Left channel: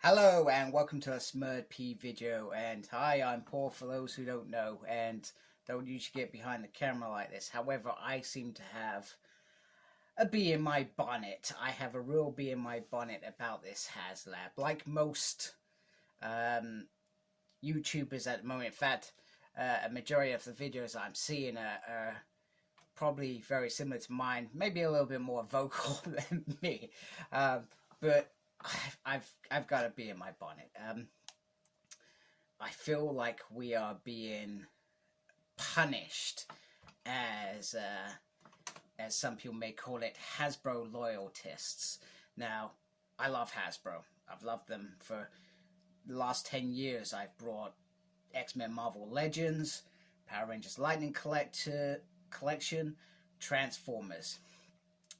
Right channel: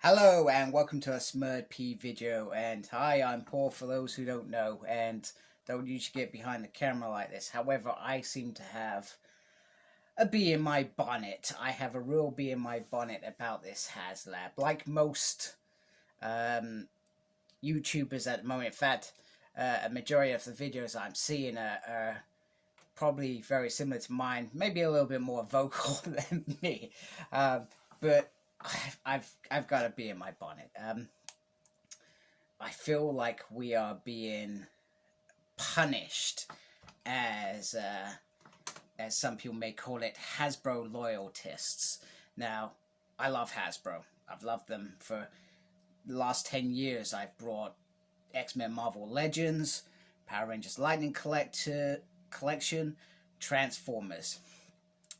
Hello and welcome to a Smurd P video, and hi, I'm Paul for those who don't know and don't usually get behind the camera like this. However, I seem to have a bee in my bonnet. I have a real bee in my bonnet about this Haslab. Like most YouTubers at the moment, in fact, a majority of the videos I'm seeing are probably very similar to mine, maybe a little bit more vocal than me, but I've got to be in my bonnet. I feel like we are being punished as some people may call it, Hasbro loyalists. Now, I love Hasbro. I've loved them for the last 10 years. I've brought X-Men Marvel Legends, Power Rangers Lightning Collection, Transformers.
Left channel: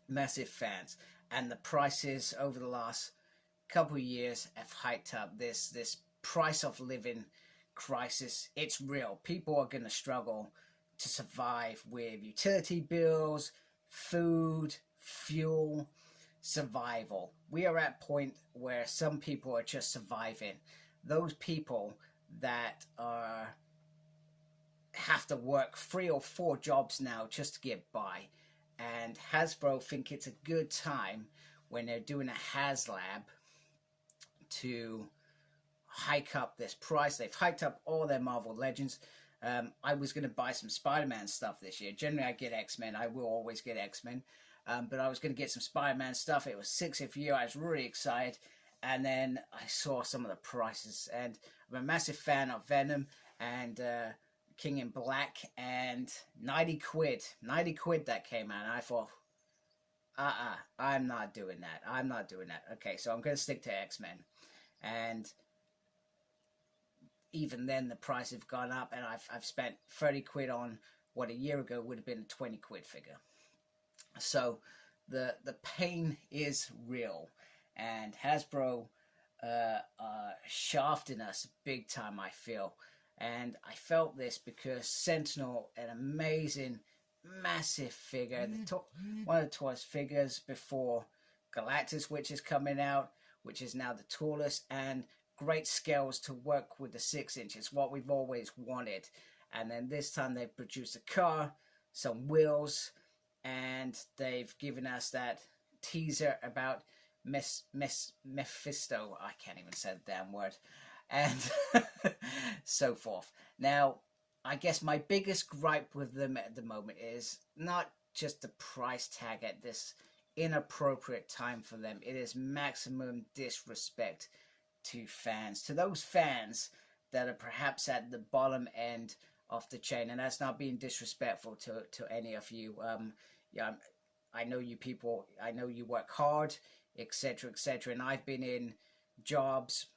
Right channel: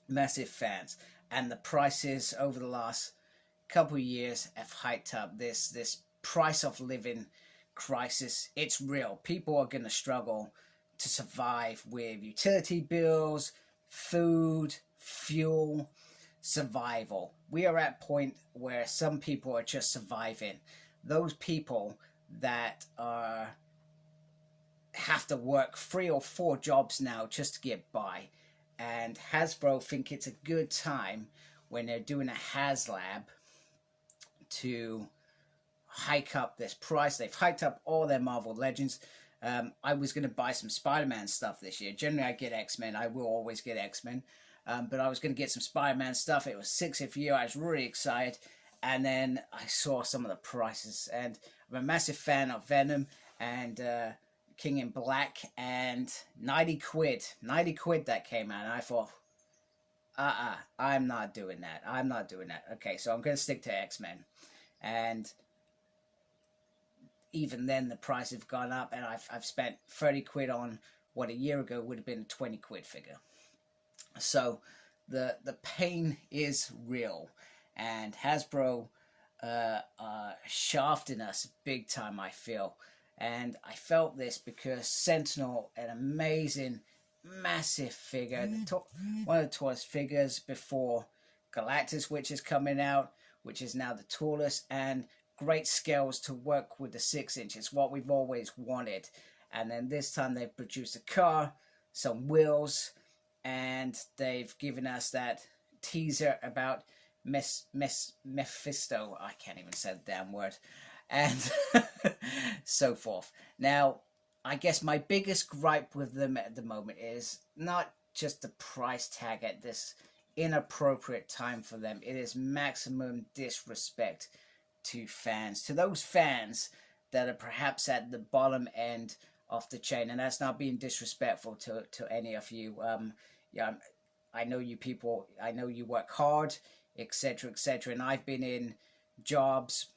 Massive fans. And the prices over the last couple of years have hiked up. This price of living crisis, it's real. People are going to struggle to survive with utility bills, food, fuel, survival. We are at a point where some people are just surviving. Those people that have to work 3 or 4 jobs now just to get by. And Hasbro think it's a good time when they're doing a Haslab to hike up this price. They've hiked up all their Marvel Legends. I was going to buy some Spider-Man stuff this year. Generally, I get X-Men. I will always get X-Men. But I was going to get some Spider-Man stuff. It was 60th year. I was really excited. And then I saw some of the prices. And I'm a massive fan of Venom and King in Black, and 90 quid that came out, and I thought, I'm not doing that. Okay, so I'm going to stick to X-Men. And even then, the price have gone up, and I've spent 30 quid on what a year ago would have been a 20 quid figure. So the pain is real, and Hasbro shafting us big time, I feel. And I felt this because Sentinel, an amazing, massive figure, one of the tallest figures before Galactus, which is coming out, which is now the tallest, and great scales to work with the 6 inches, what we've always wanted. And then this time they've produced a car, some wheels, and they've given us that teaser about Mephisto. I can't even say the damn word. And so forth. Now, I guess my biggest gripe with them at the moment is not just the price tag at this inappropriate time for them. It is maximum disrespect to fans, to those fans that are perhaps at the bottom end of the chain. And that's not being disrespectful to any of you. Yeah, I know you people, I know you work hard, etc., etc. And I've been in jobs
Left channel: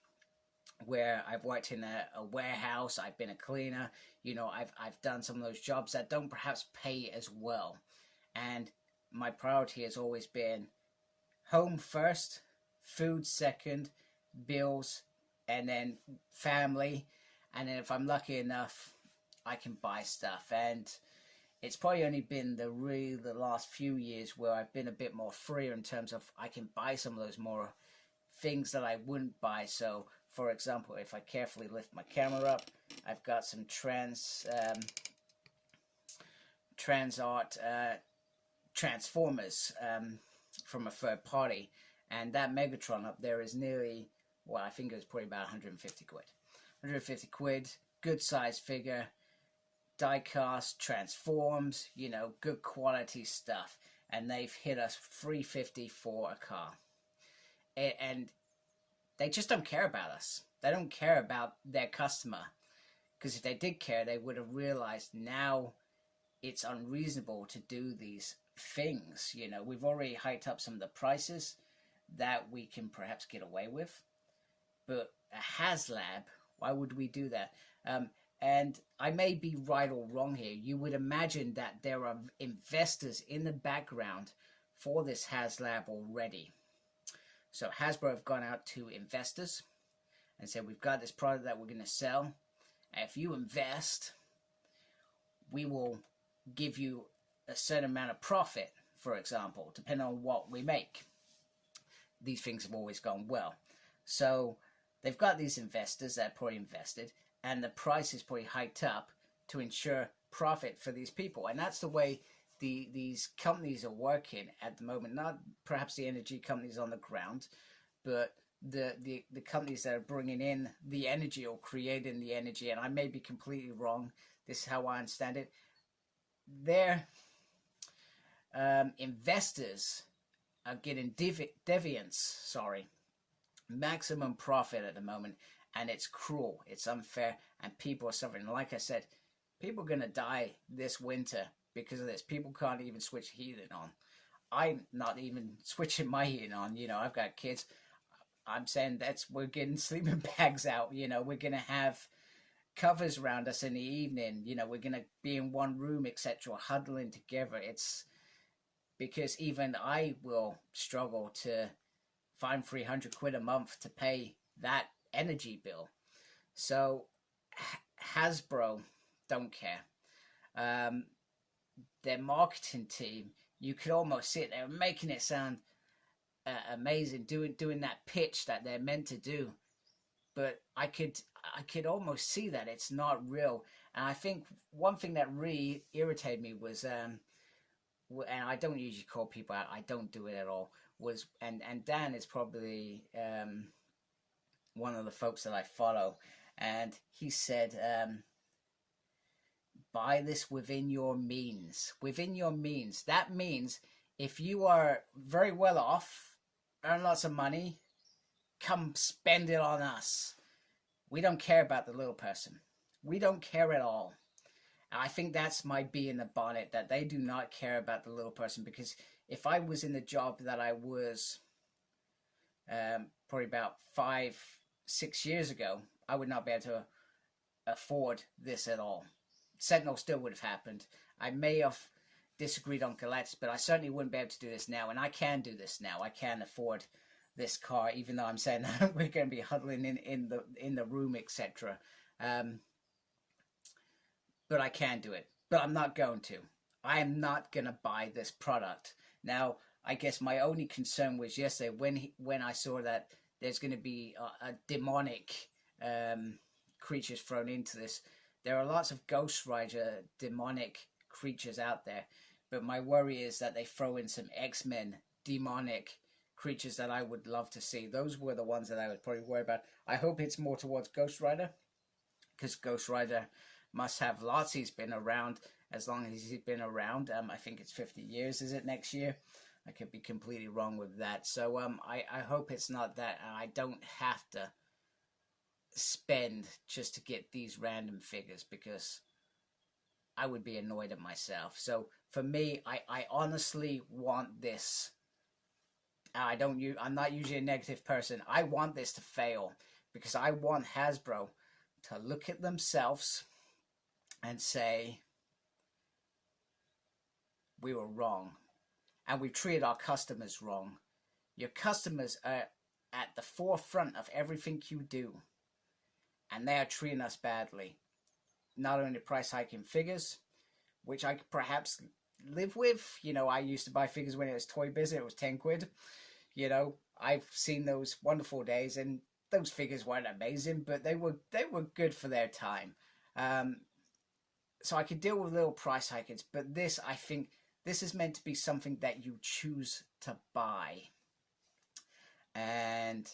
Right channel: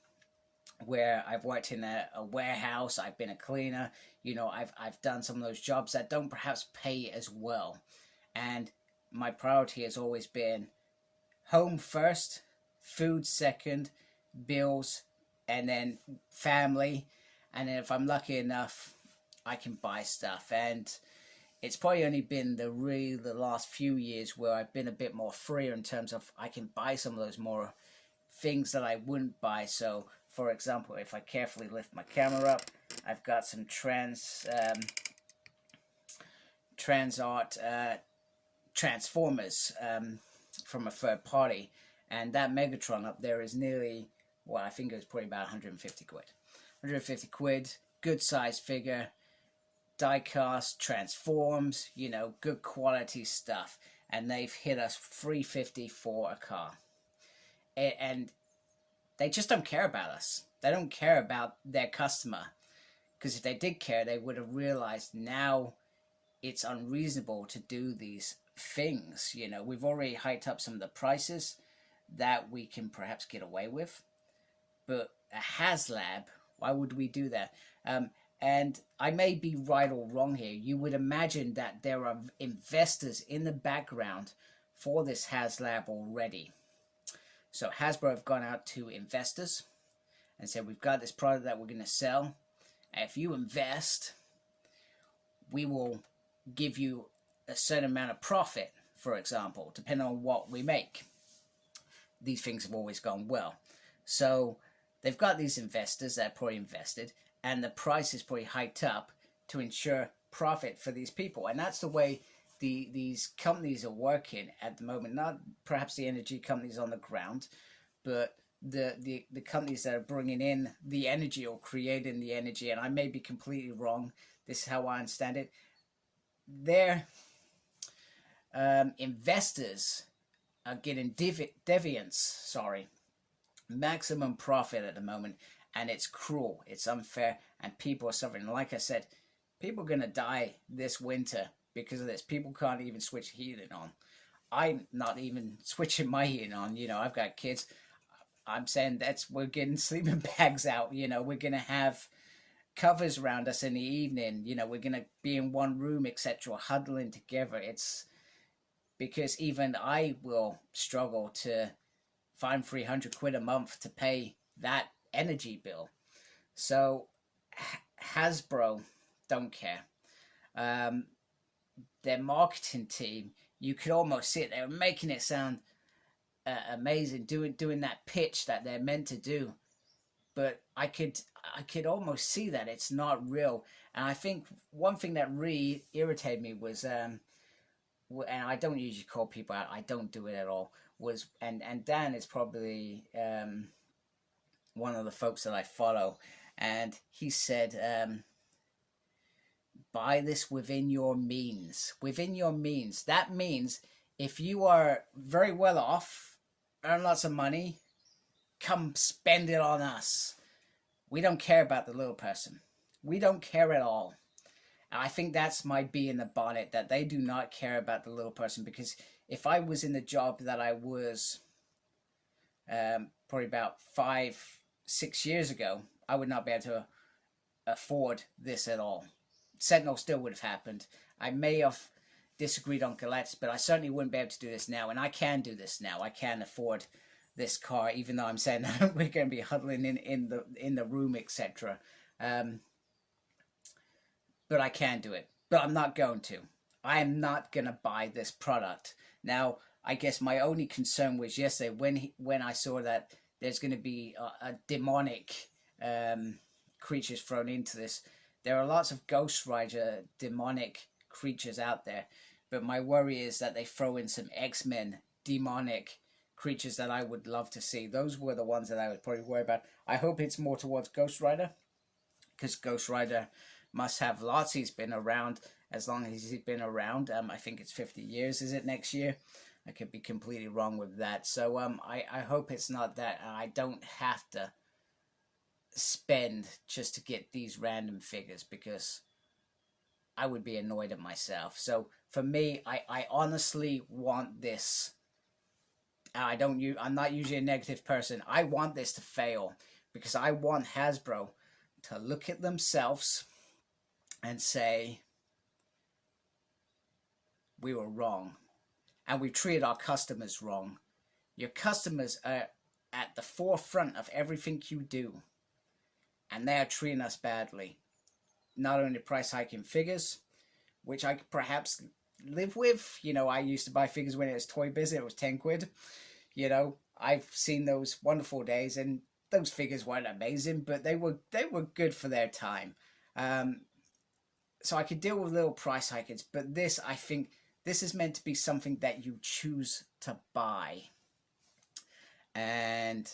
where I've worked in a warehouse, I've been a cleaner, you know, I've done some of those jobs that don't perhaps pay as well. And my priority has always been home first, food second, bills, and then family. And then if I'm lucky enough, I can buy stuff. And it's probably only been the last few years where I've been a bit more freer in terms of I can buy some of those more things that I wouldn't buy. So, for example, if I carefully lift my camera up, I've got some Transformers from a third party, and that Megatron up there is nearly, well, I think it was probably about 150 quid. 150 quid, good size figure, die cast, transforms, you know, good quality stuff, and they've hit us 350 for a car. And they just don't care about us. They don't care about their customer. Because if they did care, they would have realized now it's unreasonable to do these things. You know, we've already hiked up some of the prices that we can perhaps get away with. But a Haslab, why would we do that? And I may be right or wrong here. You would imagine that there are investors in the background for this Haslab already. So Hasbro have gone out to investors and said, we've got this product that we're going to sell. And if you invest, we will give you a certain amount of profit, for example, depending on what we make. These things have always gone well. So they've got these investors that are probably invested, and the price is probably hiked up to ensure profit for these people. And that's the way these companies are working at the moment. Not perhaps the energy companies on the ground, but the companies that are bringing in the energy or creating the energy. And I may be completely wrong. This is how I understand it. Their investors are getting maximum profit at the moment, and it's cruel, it's unfair, and people are suffering. Like I said, people are going to die this winter because of this. People can't even switch heating on. I'm not even switching my heating on. You know, I've got kids. I'm saying we're getting sleeping bags out. You know, we're going to have covers around us in the evening. You know, we're going to be in one room, etc., huddling together. It's because even I will struggle to find 300 quid a month to pay that energy bill. So Hasbro don't care. Their marketing team, you could almost see it. They were making it sound amazing, doing that pitch that they're meant to do. But I could almost see that it's not real. And I think one thing that really irritated me was, and I don't usually call people out, I don't do it at all, was, and Dan is probably one of the folks that I follow, and he said, buy this within your means. Within your means. That means if you are very well off, earn lots of money, come spend it on us. We don't care about the little person. We don't care at all. And I think that's my bee in the bonnet, that they do not care about the little person. Because if I was in the job that I was probably about 5-6 years ago, I would not be able to afford this at all. Sentinel still would have happened. I may have disagreed on Galactus, but I certainly wouldn't be able to do this now. And I can do this now. I can afford this car, even though I'm saying we're going to be huddling in the room, etc. But I can do it. But I'm not going to. I'm not going to buy this product. Now, I guess my only concern was yesterday when I saw that there's going to be a demonic creatures thrown into this. There are lots of Ghost Rider demonic creatures out there, but my worry is that they throw in some X-Men demonic creatures that I would love to see. Those were the ones that I would probably worry about. I hope it's more towards Ghost Rider, because Ghost Rider must have lots. He's been around as long as he's been around. I think it's 50 years, is it, next year? I could be completely wrong with that. So I hope it's not that. I don't have to spend just to get these random figures, because I would be annoyed at myself. So for me, I honestly want this. I'm not usually a negative person. I want this to fail, because I want Hasbro to look at themselves and say, we were wrong, and we treated our customers wrong. Your customers are at the forefront of everything you do, and they're treating us badly. Not only price hiking figures, which I could perhaps live with. You know, I used to buy figures when it was Toy Biz, it was 10 quid. You know, I've seen those wonderful days, and those figures weren't amazing, but they were good for their time. So I could deal with little price hikings, but this, I think, this is meant to be something that you choose to buy, and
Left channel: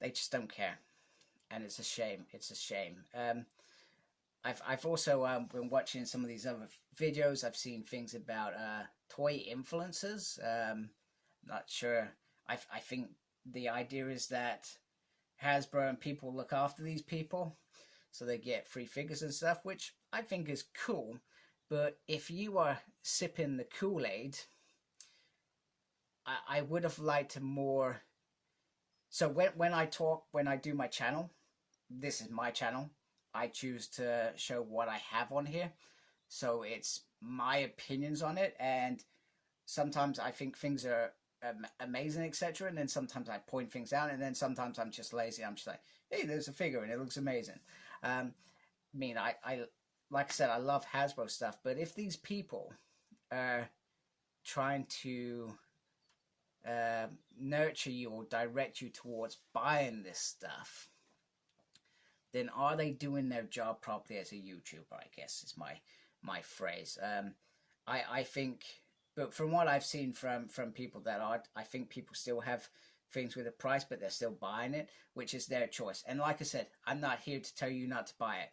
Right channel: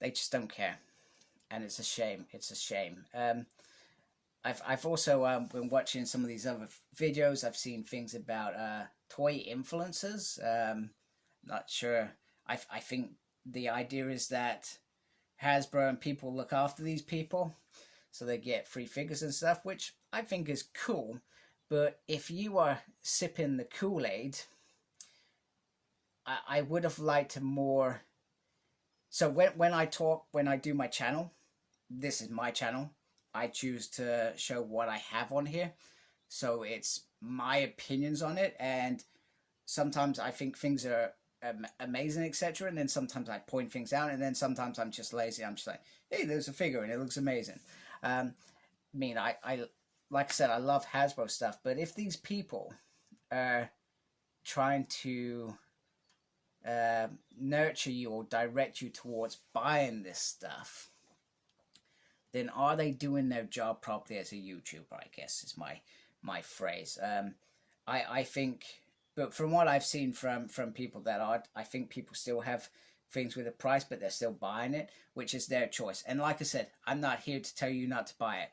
they just don't care, and it's a shame. It's a shame. I've also been watching some of these other videos. I've seen things about toy influencers. Not sure. I think the idea is that Hasbro and people look after these people, so they get free figures and stuff, which I think is cool. But if you are sipping the Kool-Aid, I would have liked more. So when I do my channel, this is my channel. I choose to show what I have on here. So it's my opinions on it. And sometimes I think things are amazing, etc. And then sometimes I point things out. And then sometimes I'm just lazy. I'm just like, hey, there's a figure and it looks amazing. I mean, I like I said, I love Hasbro stuff. But if these people are trying to nurture you or direct you towards buying this stuff, then are they doing their job properly as a YouTuber, I guess is my phrase. I think, but from what I've seen from people that are, I think people still have things with a price, but they're still buying it, which is their choice. And like I said, I'm not here to tell you not to buy it.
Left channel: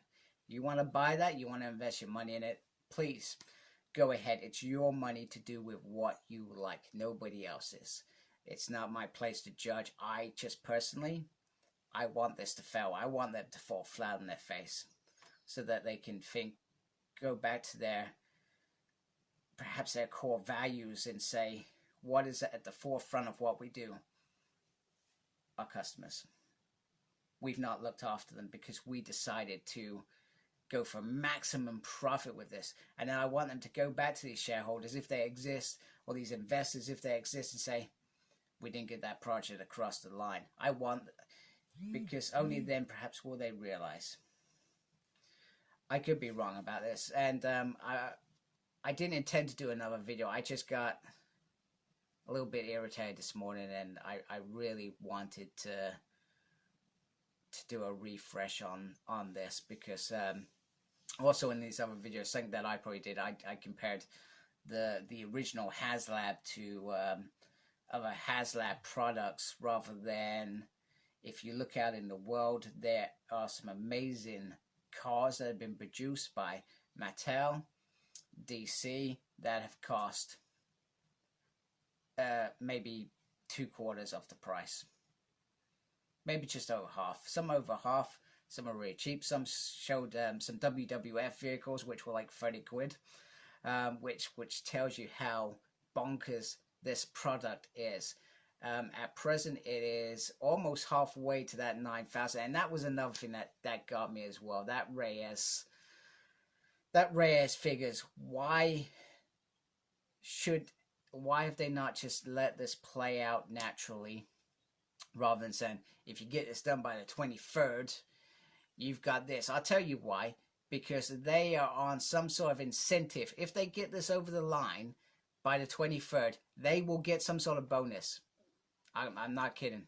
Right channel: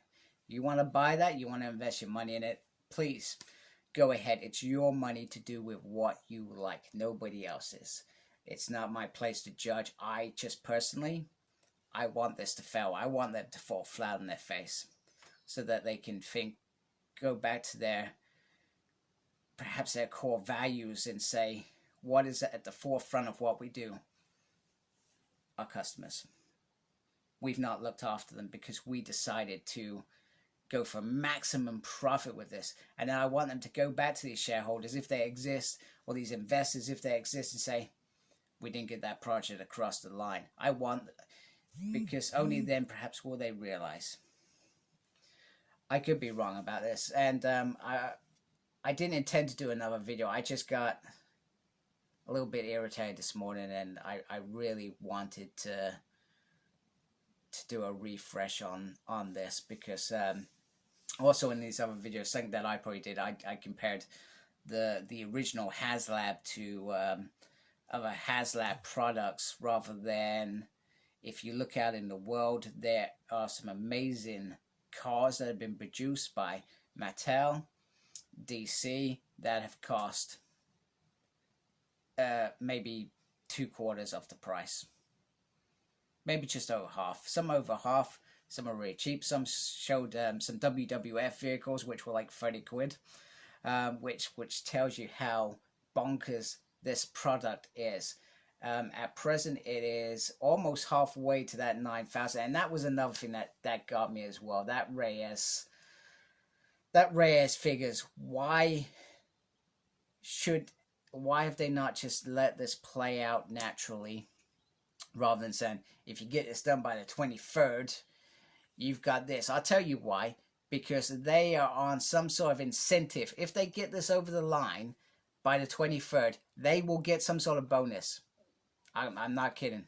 You want to buy that, you want to invest your money in it, please go ahead. It's your money to do with what you like, nobody else's. It's not my place to judge. I just personally, I want this to fail. I want them to fall flat on their face so that they can think, go back to perhaps their core values and say, what is at the forefront of what we do? Our customers. We've not looked after them because we decided to go for maximum profit with this. And now I want them to go back to these shareholders, if they exist, or these investors, if they exist, and say, we didn't get that project across the line. I want, because only then perhaps will they realize. I could be wrong about this. And I didn't intend to do another video. I just got a little bit irritated this morning, and I really wanted to do a refresh on this, because also in these other videos, something that I probably did, I compared the original Haslab to other Haslab products, rather than, if you look out in the world, there are some amazing cars that have been produced by Mattel, DC, that have cost maybe 2/4 of the price. Maybe just over half. Some over half, some are really cheap. Some showed some WWF vehicles which were like 30 quid, which tells you how bonkers this product is. At present, it is almost halfway to that 9,000, and that was another thing that got me as well. That Reyes figures. Why have they not just let this play out naturally, rather than saying, if you get this done by the 23rd, you've got this? I'll tell you why. Because they are on some sort of incentive. If they get this over the line by the 23rd, they will get some sort of bonus. I'm not kidding.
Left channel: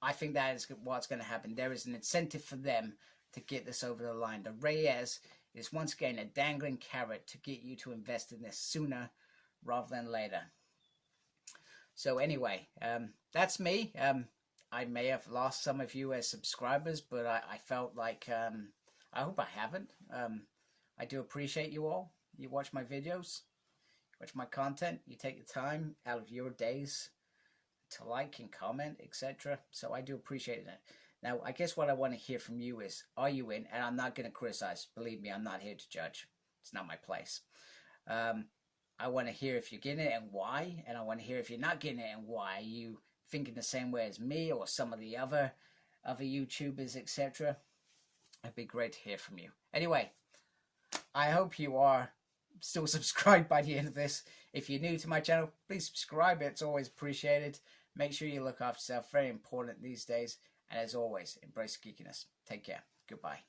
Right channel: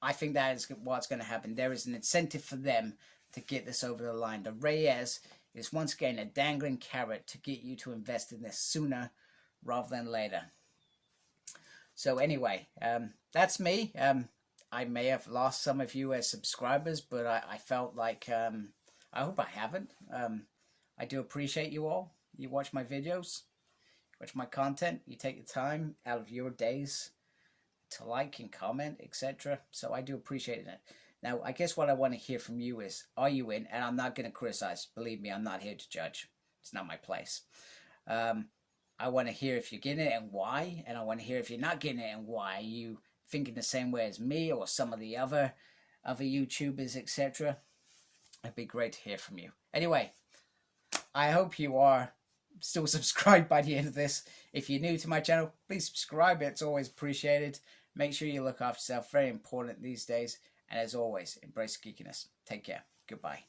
I think that is what's going to happen. There is an incentive for them to get this over the line. The Reyes is once again a dangling carrot to get you to invest in this sooner rather than later. So anyway, that's me. I may have lost some of you as subscribers, but I felt like, I hope I haven't. I do appreciate you all. You watch my videos, watch my content, you take the time out of your days to like and comment, etc. So I do appreciate it. Now, I guess what I want to hear from you is, are you in? And I'm not going to criticize. Believe me, I'm not here to judge. It's not my place. I want to hear if you're getting it and why. And I want to hear if you're not getting it and why. Are you thinking the same way as me or some of the other YouTubers, etc.? It'd be great to hear from you. Anyway, I hope you are still subscribed by the end of this. If you're new to my channel, please subscribe. It's always appreciated. Make sure you look after yourself. Very important these days. And as always, embrace geekiness. Take care. Goodbye.